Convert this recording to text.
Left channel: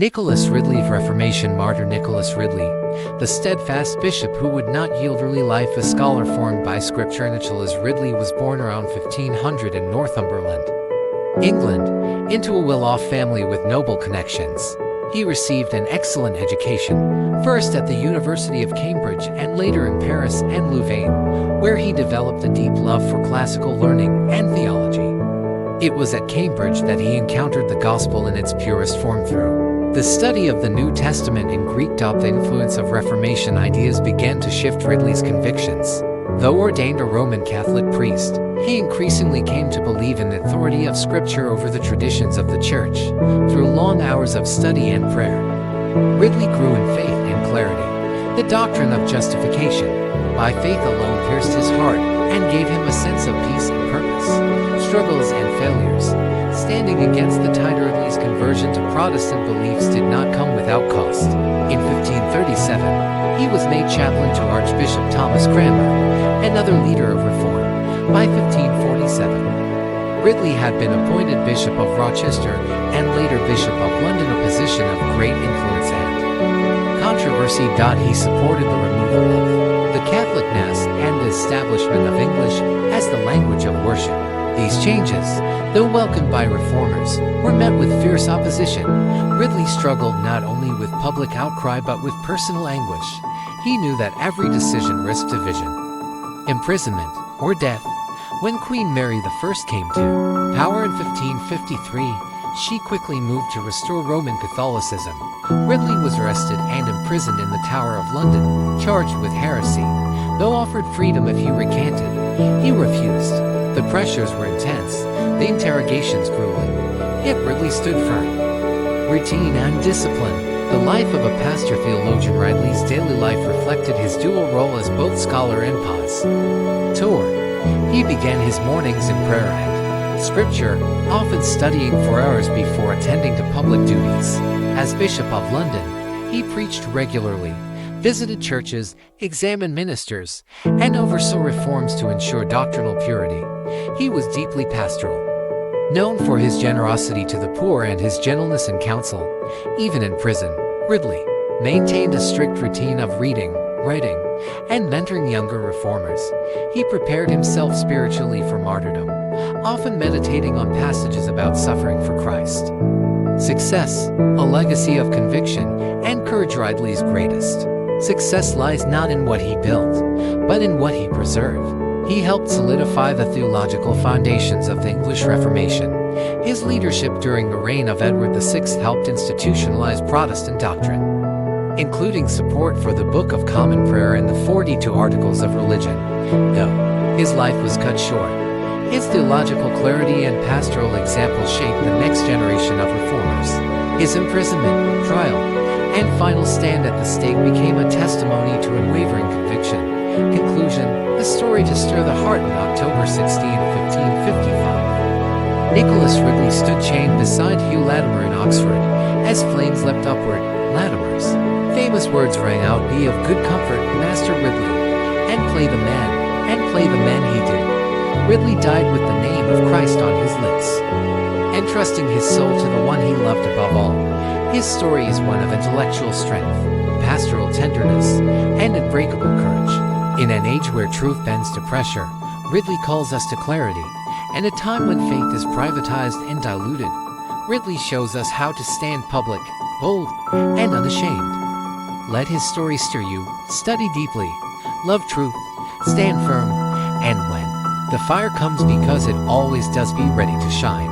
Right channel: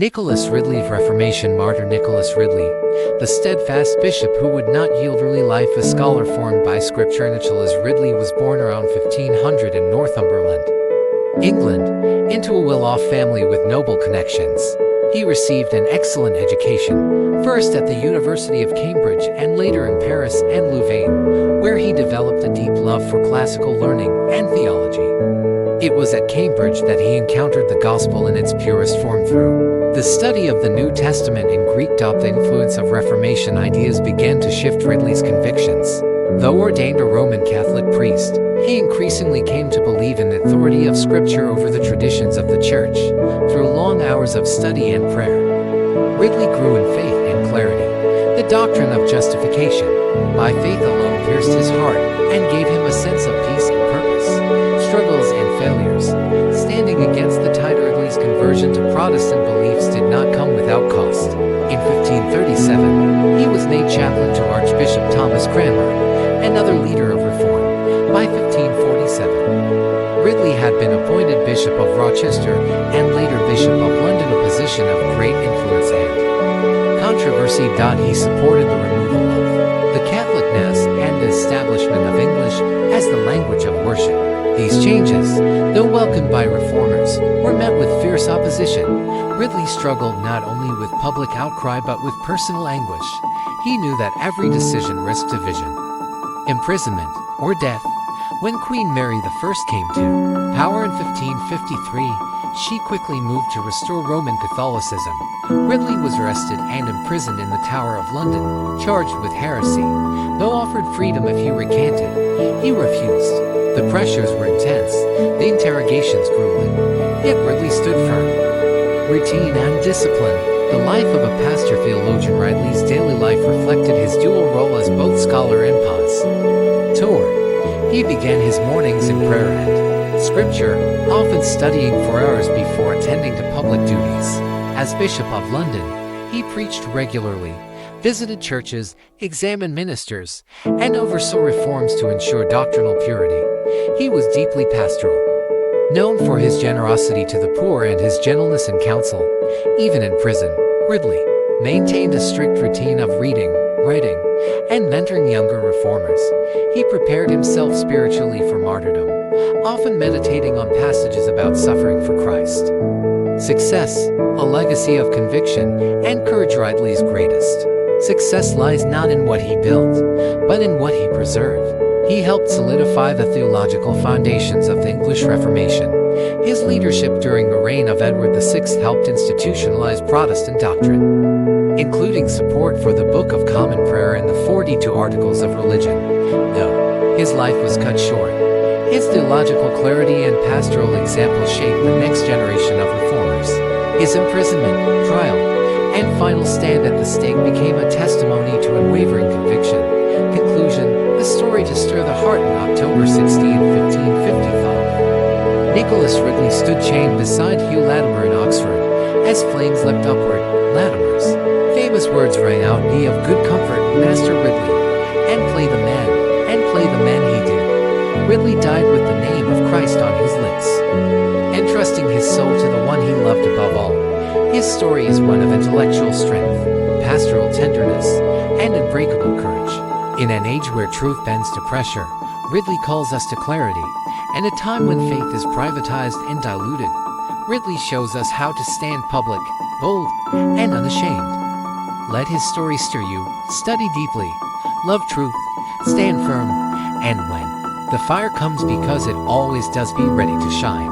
Nicholas Ridley Reformation martyr Nicholas Ridley, the steadfast bishop who would not yield early life a scholar formed by Scripture. Nicholas Ridley was born around 1500 in Northumberland, England, into a well-off family with noble connections. He received an excellent education, first at the University of Cambridge and later in Paris and Louvain, where he developed a deep love for classical learning and theology. It was at Cambridge that he encountered the gospel in its purest form through the study of the New Testament in Greek. The influence of Reformation ideas began to shift Ridley's convictions. Though ordained a Roman Catholic priest, he increasingly came to believe in the authority of Scripture over the traditions of the Church, through long hours of study and prayer. Ridley grew in faith and clarity. The doctrine of justification by faith alone pierced his heart and gave him a sense of peace and purpose. Struggles and failures, standing against the tide. Ridley's conversion to Protestant beliefs did not come without cost. In 1537, he was made chaplain to Archbishop Thomas Cranmer, another leader of reform. By 1547, Ridley had been appointed Bishop of Rochester and later Bishop of London, a position of great influence and controversy. He supported the removal of the Catholic Mass and the establishment of English as the language of worship. These changes, though welcomed by reformers, were met with fierce opposition. Ridley struggled not only with public outcry but with personal anguish. He knew that every decision risked division, imprisonment, or death. When Queen Mary I came to power in 1553, she quickly moved to restore Roman Catholicism. Ridley was arrested and imprisoned in the Tower of London, charged with heresy. Though offered freedom if he recanted, he refused. The pressures were intense, the interrogations grueling, yet Ridley stood firm. Routine and discipline. The life of a pastor-theologian. Ridley's daily life reflected his dual role as both scholar and pastor. He began his mornings in prayer and Scripture, often studying for hours before attending to public duties. As Bishop of London, he preached regularly, visited churches, examined ministers, and oversaw reforms to ensure doctrinal purity. He was deeply pastoral, known for his generosity to the poor and his gentleness in counsel. Even in prison, Ridley maintained a strict routine of reading, writing, and mentoring younger reformers. He prepared himself spiritually for martyrdom, often meditating on passages about suffering for Christ. Success, a legacy of conviction and courage. Ridley's greatest success lies not in what he built, but in what he preserved. He helped solidify the theological foundations of the English Reformation. His leadership during the reign of Edward VI helped institutionalize Protestant doctrine, including support for the Book of Common Prayer and the 42 Articles of Religion. Though his life was cut short, his theological clarity and pastoral example shaped the next generation of reformers. His imprisonment, trial, and final stand at the stake became a testimony to unwavering conviction. Conclusion: a story to stir the heart. On October 16, 1555, Nicholas Ridley stood chained beside Hugh Latimer in Oxford. As flames leapt upward, Latimer's famous words rang out, "Be of good comfort, Master Ridley, and play the man he did." Ridley died with the name of Christ on his lips, entrusting his soul to the one he loved above all. His story is one of intellectual strength, pastoral tenderness, and unbreakable courage. In an age where truth bends to pressure, Ridley calls us to clarity. And a time when faith is privatized and diluted, Ridley shows us how to stand public, bold, and unashamed. Let his story stir you, study deeply, love truth, stand firm, and when the fire comes, because it always does, be ready to shine.